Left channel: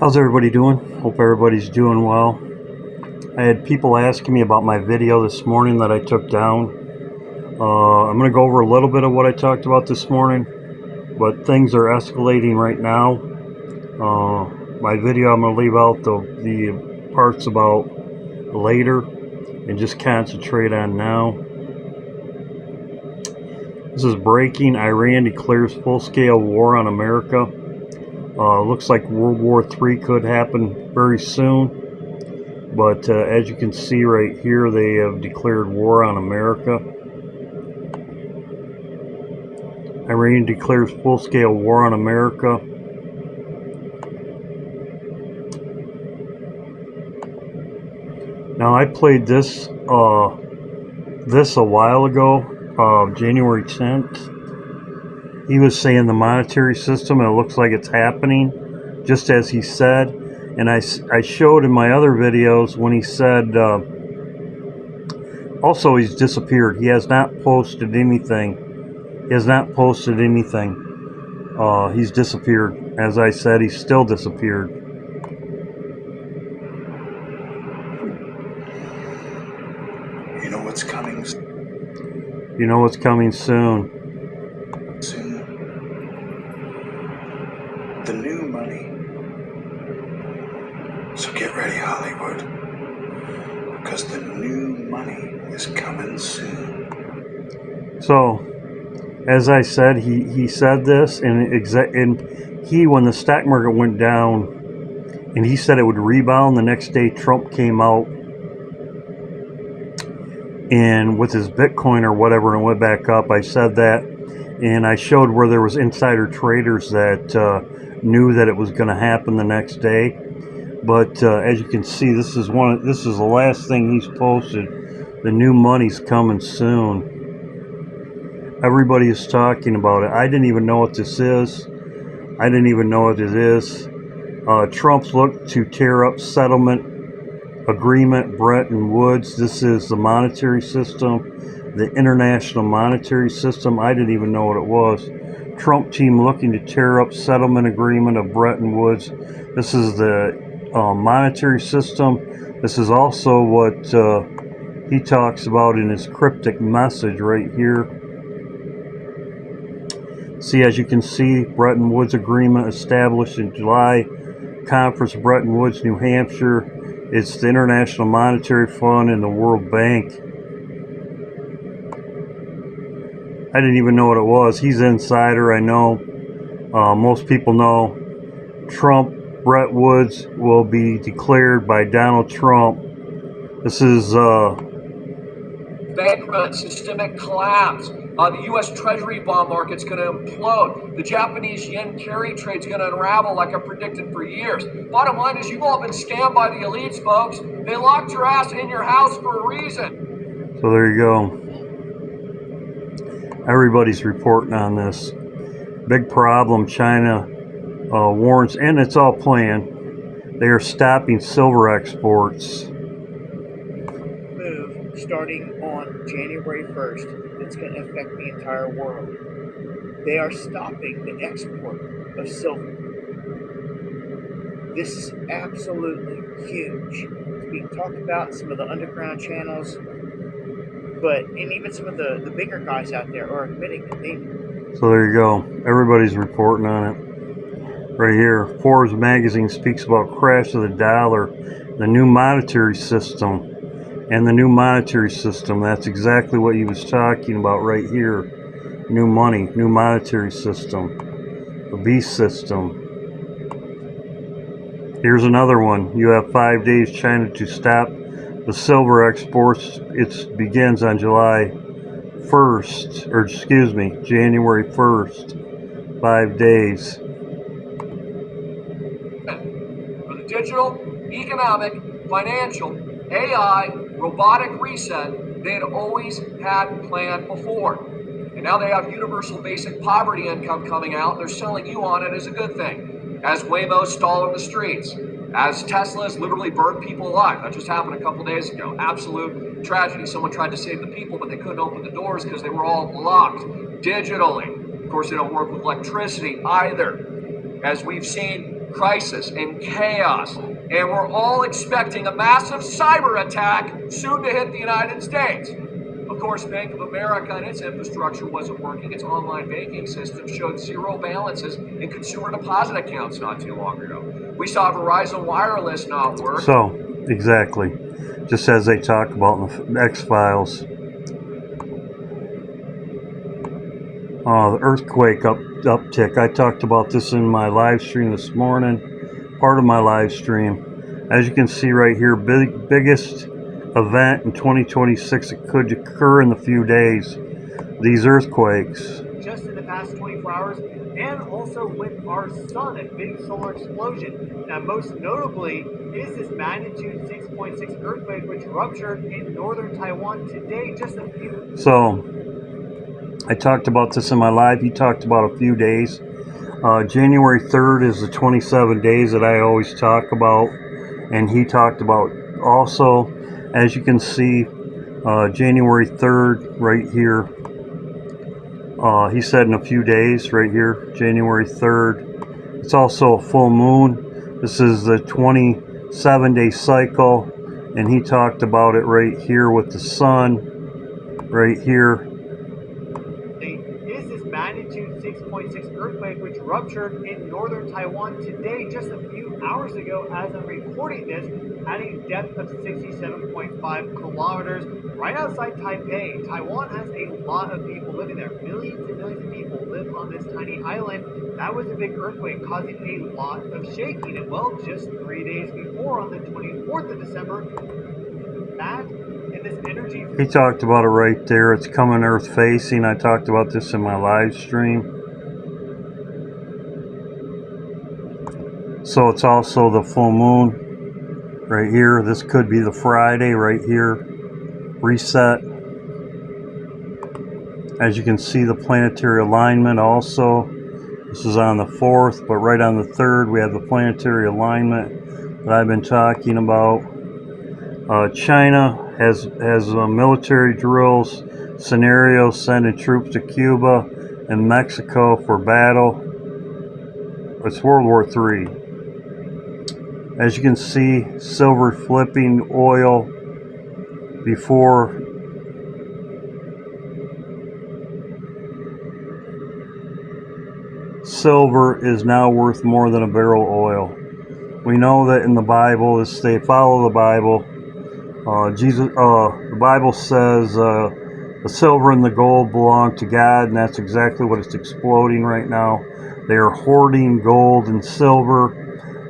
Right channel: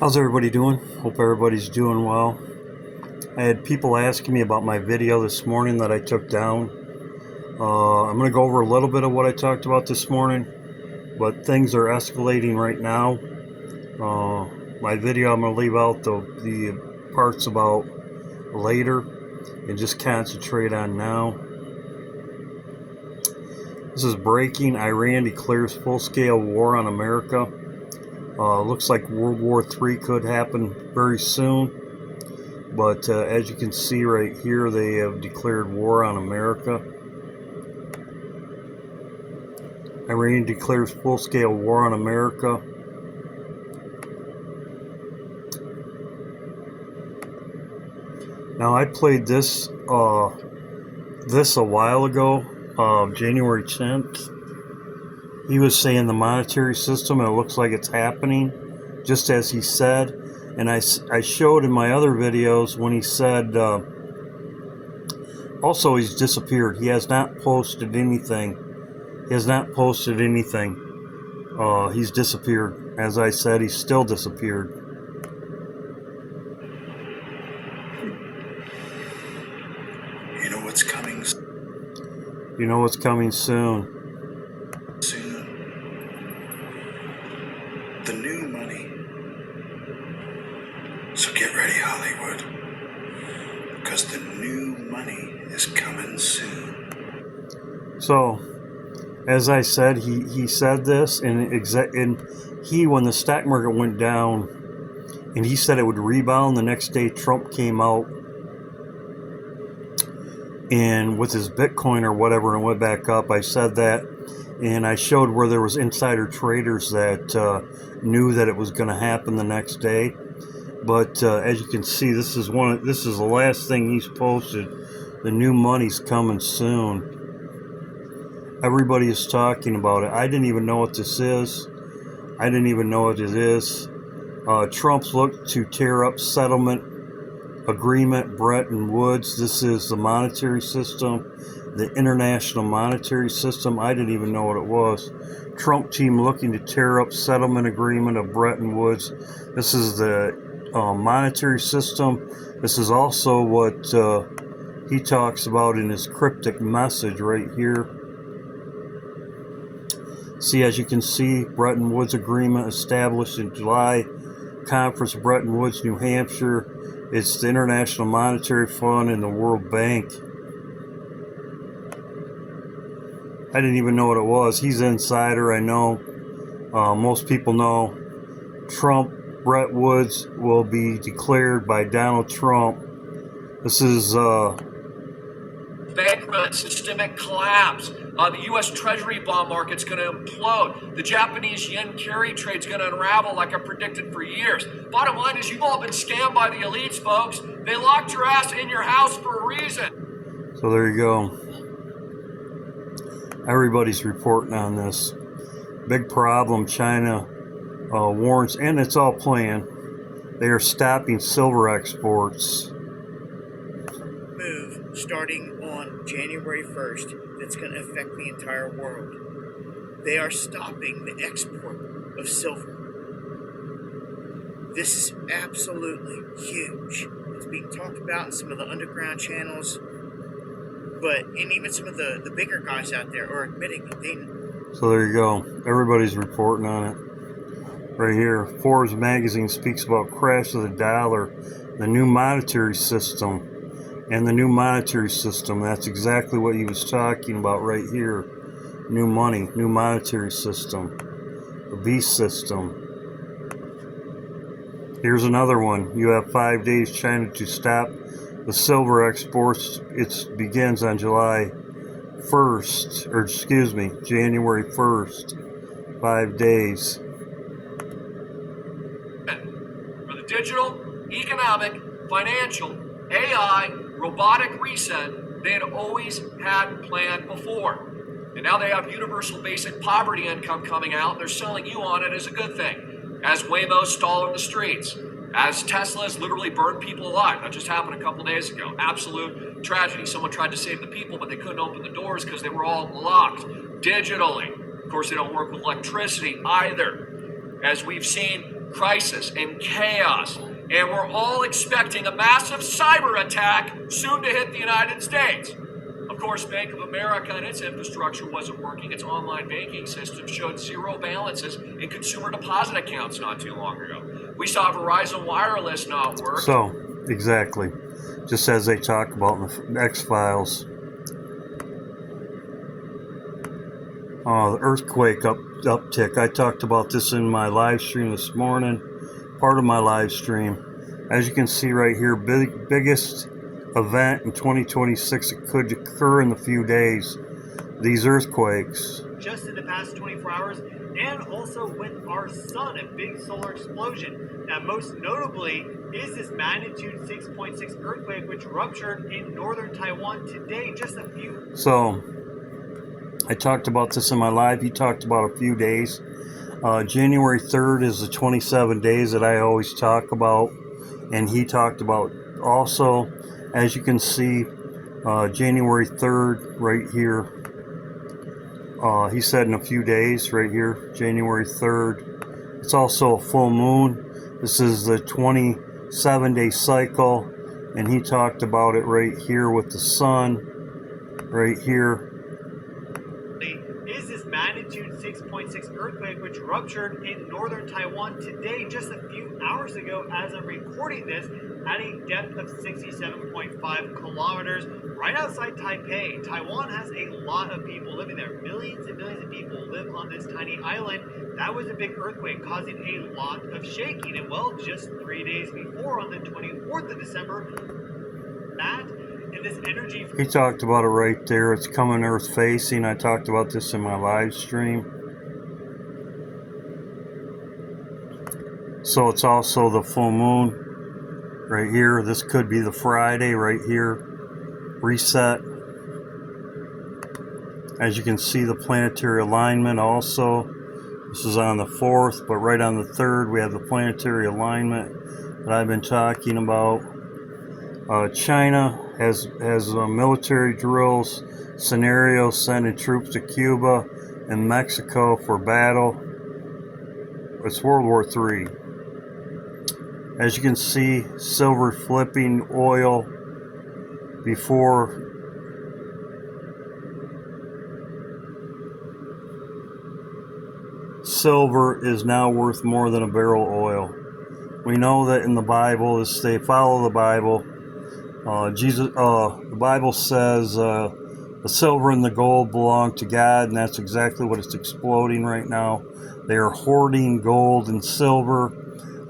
How's everybody doing? Hope everybody's doing well. I had people asking me about my video this morning that I took down. I'm going to go over a little bit of what I talked about this morning, but things are escalating right now. My video, I'm going to leave out the parts about later and just concentrate on now. This is breaking. Iran declares full-scale war on America. Looks like World War III could happen very soon. But as you can see right here, they have declared war on America. Iran declares full-scale war on America. Now I played this a while ago, January 10th. He was saying the monetary system, and it looks like it's happening, just as he said. And I showed in my other videos when he said, also he's disappeared. He has not posted anything. He's disappeared. As I said, he's still disappeared. You know what's coming. You know what's coming soon. The new money. So get ready, Hollywood, because the new money is coming soon. So, as I said, he said this, and when the stock market went down, and he said it would rebound, the next day Trump came out and with his Bitcoin or whatever, and went back up. I said that, and I showed where there was insider traders that knew that it was going to happen the next day. But as you can see, this is the last thing he's posted. The new money's coming soon. Everybody is talking about it. I didn't even know what this is. Trump's looked to tear up settlement agreement, Bretton Woods. This is the monetary system, the international monetary system. I didn't even know what it was. Trump team looking to tear up settlement agreement of Bretton Woods. This is the monetary system. This is also what he talks about in his cryptic message right here. See, as you can see, Bretton Woods agreement established in July. Conference, Bretton Woods, New Hampshire. It's the International Monetary Fund and the World Bank. I didn't even know what it was. He's an insider, I know. Most people know. Trump, Bretton Woods will be declared by Donald Trump. This is bank run, systemic collapse. The U.S. Treasury bond market's going to implode. The Japanese yen carry trade's going to unravel like I predicted for years. Bottom line is you've all been scammed by the elites, folks. They locked your ass in your house for a reason. So there you go. Everybody's reporting on this. Big problem. China warns, and it's all planned. They are stopping silver exports. Move starting on January 1st that's going to affect the entire world. They are stopping the export of silver. This is absolutely huge. It's being talked about in some of the underground channels, and even some of the bigger guys out there are admitting that they. So there you go. Everybody's reporting on it. Right here, Forbes magazine speaks about crash of the dollar, the new monetary system. And the new monetary system, that's exactly what he was talking about right here. New money, new monetary system, the beast system. Here's another one. You have 5 days, China to stop the silver exports. It begins on January 1st. 5 days. For the digital, economic, financial, AI, robotic reset they had always had planned before. And now they have universal basic poverty income coming out. They're selling you on it as a good thing. As Waymo stall in the streets. As Teslas literally burn people alive. That just happened a couple days ago. Absolute tragedy. Someone tried to save the people, but they couldn't open the doors because they were all locked digitally. Of course, they don't work with electricity either. As we've seen crisis and chaos, and we're all expecting a massive cyber attack soon to hit the United States. Of course, Bank of America and its infrastructure wasn't working. Its online banking system showed zero balances in consumer deposit accounts not too long ago. We saw Verizon Wireless not work. So, exactly. Just as they talk about in the X-Files. The earthquake uptick. I talked about this in my live stream this morning. Part of my live stream. As you can see right here, biggest event in 2026 that could occur in a few days. These earthquakes. Just in the past 24 hours, and also with our sun, a big solar explosion. Now, most notably is this magnitude 6.6 earthquake, which ruptured in northern Taiwan today, just a few. So, I talked about this in my live. He talked about a few days. January 3rd is the 27 days that I always talk about. And he talked about also, as you can see, January 3rd right here. He said in a few days right here, January 3rd. It's also a full moon. This is the 27-day cycle. And he talked about it right here with the sun. Right here. Is this magnitude 6.6 earthquake, which ruptured in northern Taiwan today, just a few hours ago as I'm recording this, at a depth of 67.5 kilometers, right outside Taipei. Taiwan has a lot of people living there. Millions and millions of people live on this tiny island. That was a big earthquake causing a lot of shaking. And well, just 3 days before, on the 24th of December, that and this energy. He talked about it right there. It's coming earth facing. I talked about this in my live stream. So it's also the full moon right here. This could be the Friday right here. Reset. As you can see, the planetary alignment also. This is on the 4th, but right on the 3rd we have the planetary alignment that I've been talking about. China has military drills, scenarios, sending troops to Cuba and Mexico for battle. It's World War III. As you can see, silver flipping oil before silver is now worth more than a barrel of oil. We know that in the Bible, as they follow the Bible, the Bible says the silver and the gold belong to God, and that's exactly what it's exploding right now. They are hoarding gold and silver,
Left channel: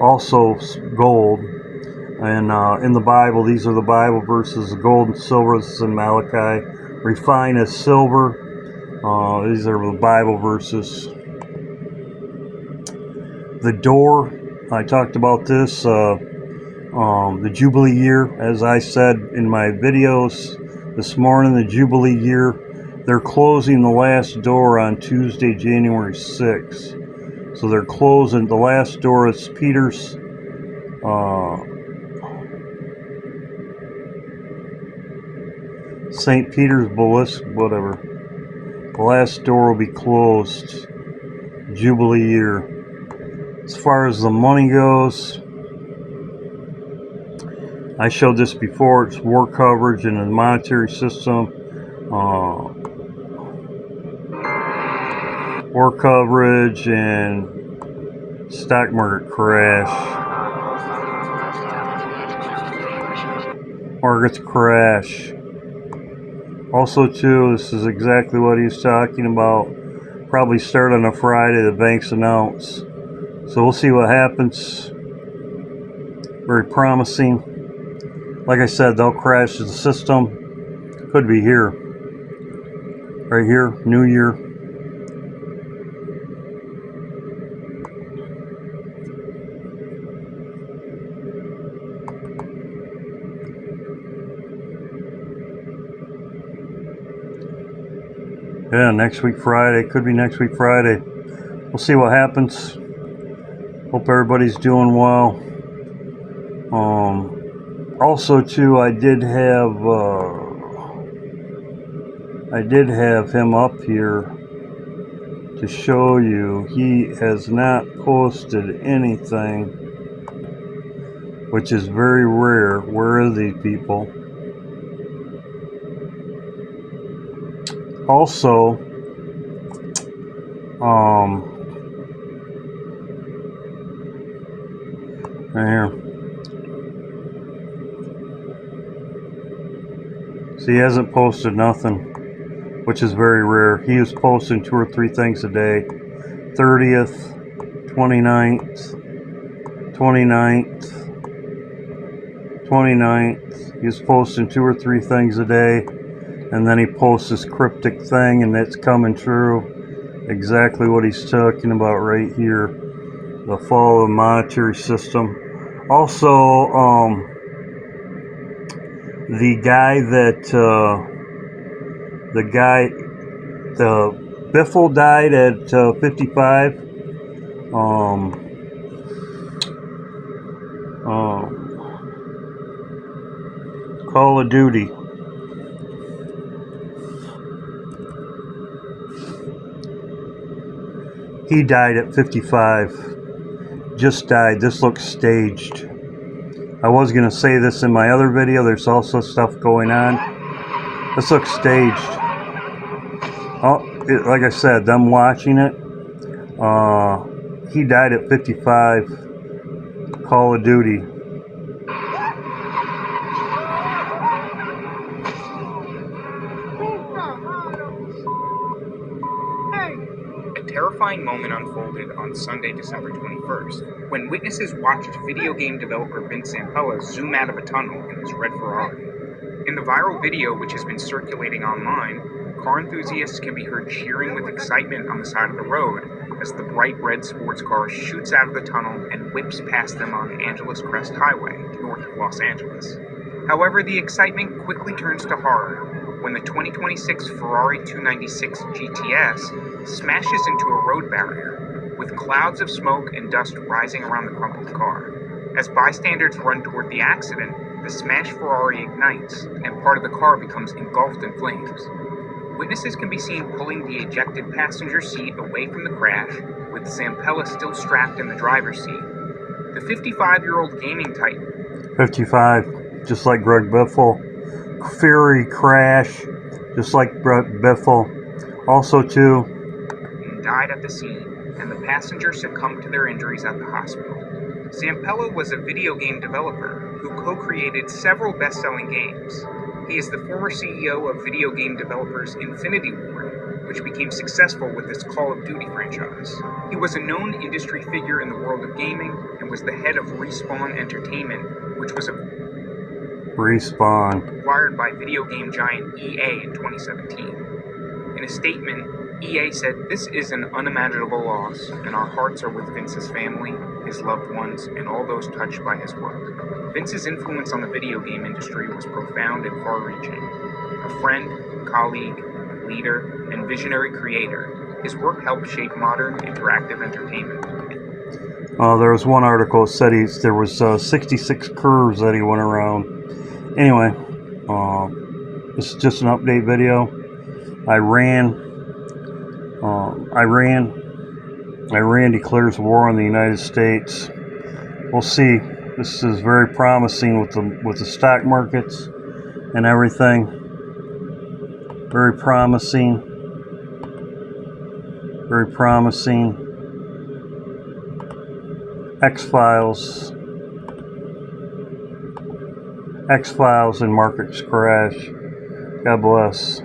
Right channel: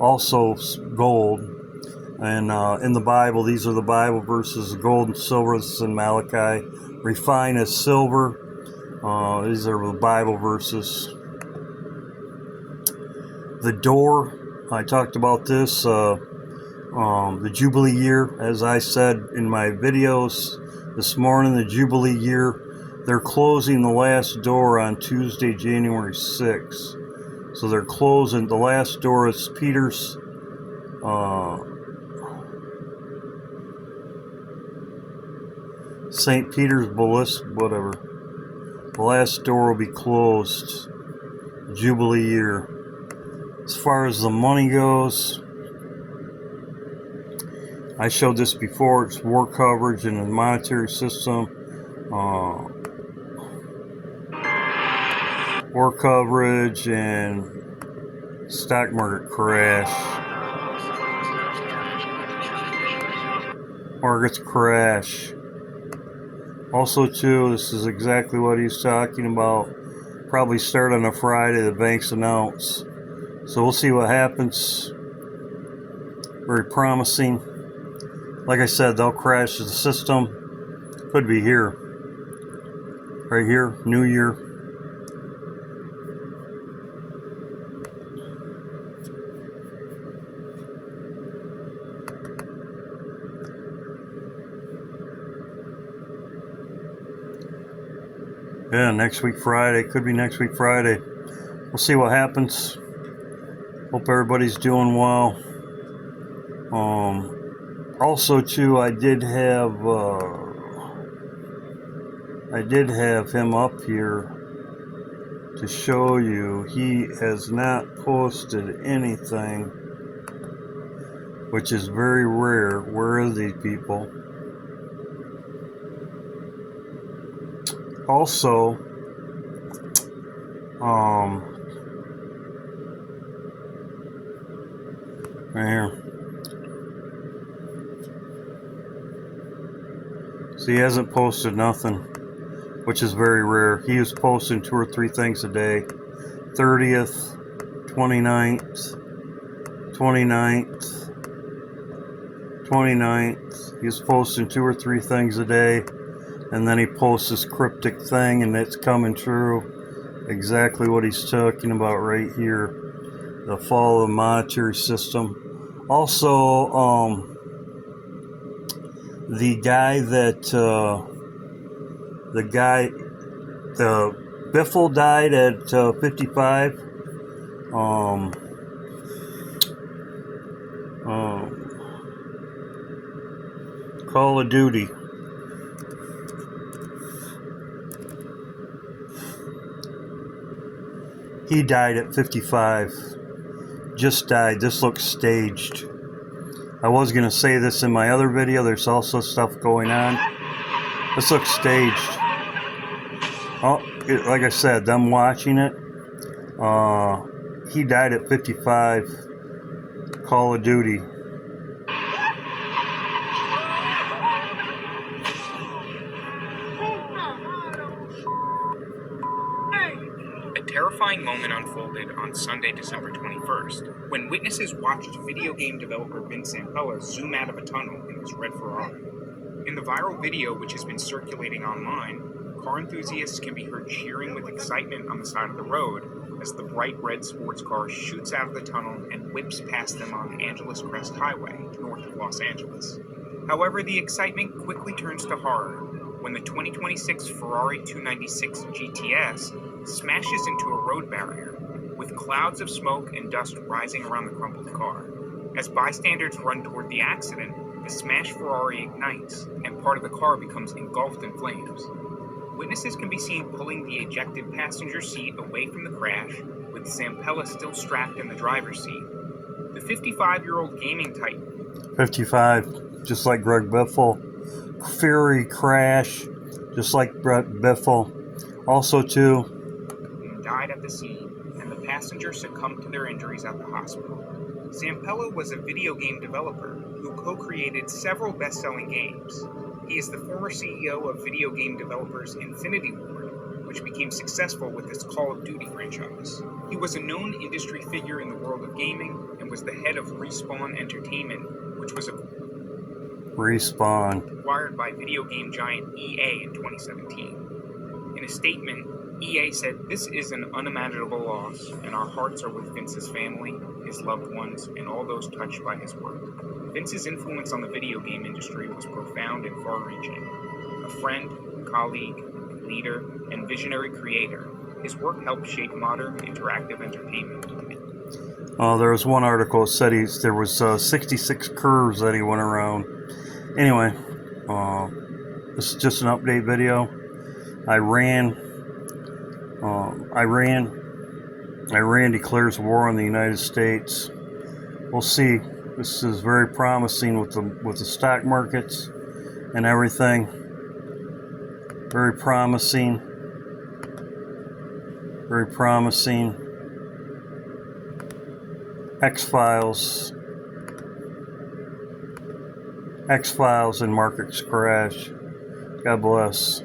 also gold. And in the Bible, these are the Bible verses, gold and silver. This is in Malachi. Refine as silver. These are the Bible verses. The door, I talked about this. The Jubilee year, as I said in my videos this morning, the Jubilee year, they're closing the last door on Tuesday, January 6th. So they're closing the last door. It's Peter's St. Peter's Basilica, whatever. The last door will be closed. Jubilee year. As far as the money goes, I showed this before. It's war coverage in the monetary system. War coverage and stock market crash. Markets crash. Also, too, this is exactly what he's talking about. Probably start on a Friday, the banks announce. So we'll see what happens. Very promising. Like I said, they'll crash the system. Could be here. Right here, New Year. Yeah, next week Friday. Could be next week Friday. We'll see what happens. Hope everybody's doing well. Also, too, I did have him up here to show you he has not posted anything, which is very rare. Where are these people? Also, right here. See, he hasn't posted nothing, which is very rare. He is posting 2 or 3 things a day. 30th, 29th, 29th, 29th. He's posting 2 or 3 things a day, and then he posts this cryptic thing, and it's coming true. Exactly what he's talking about right here. The fall of the monetary system. Also, the Biffle died at 55. Call of Duty. He died at 55. Just died. This looks staged. I was going to say this in my other video. There's also stuff going on. This looks staged. Oh, like I said, them watching it. He died at 55. Call of Duty. A terrifying moment unfolded on Sunday, December 21st, when witnesses watched video game developer Vince Zampella zoom out of a tunnel in his red Ferrari. In the viral video, which has been circulating online, car enthusiasts can be heard cheering with excitement on the side of the road as the bright red sports car shoots out of the tunnel and whips past them on Angeles Crest Highway, north of Los Angeles. However, the excitement quickly turns to horror when the 2026 Ferrari 296 GTS smashes into a road barrier, with clouds of smoke and dust rising around the crumpled car. As bystanders run toward the accident, the smashed Ferrari ignites, and part of the car becomes engulfed in flames. Witnesses can be seen pulling the ejected passenger seat away from the crash, with Zampella still strapped in the driver's seat. The 55-year-old gaming titan. 55, just like Greg Biffle. Fury crash, just like Greg Biffle. Also, too, died at the scene, and the passengers succumbed to their injuries at the hospital. Zampella was a video game developer who co-created several best-selling games. He is the former CEO of video game developers Infinity Ward, which became successful with its Call of Duty franchise. He was a known industry figure in the world of gaming and was the head of Respawn Entertainment, which was acquired by video game giant EA in 2017. In a statement, EA said, "This is an unimaginable loss, and our hearts are with Vince's family, his loved ones, and all those touched by his work." Vince's influence on the video game industry was profound and far-reaching. A friend, colleague, leader, and visionary creator, his work helped shape modern interactive entertainment. There was one article that said there was 66 curves that he went around. Anyway, this is just an update video. Iran declares war on the United States. We'll see. This is very promising with the stock markets and everything. Very promising. Very promising. X-Files and markets crash. God bless.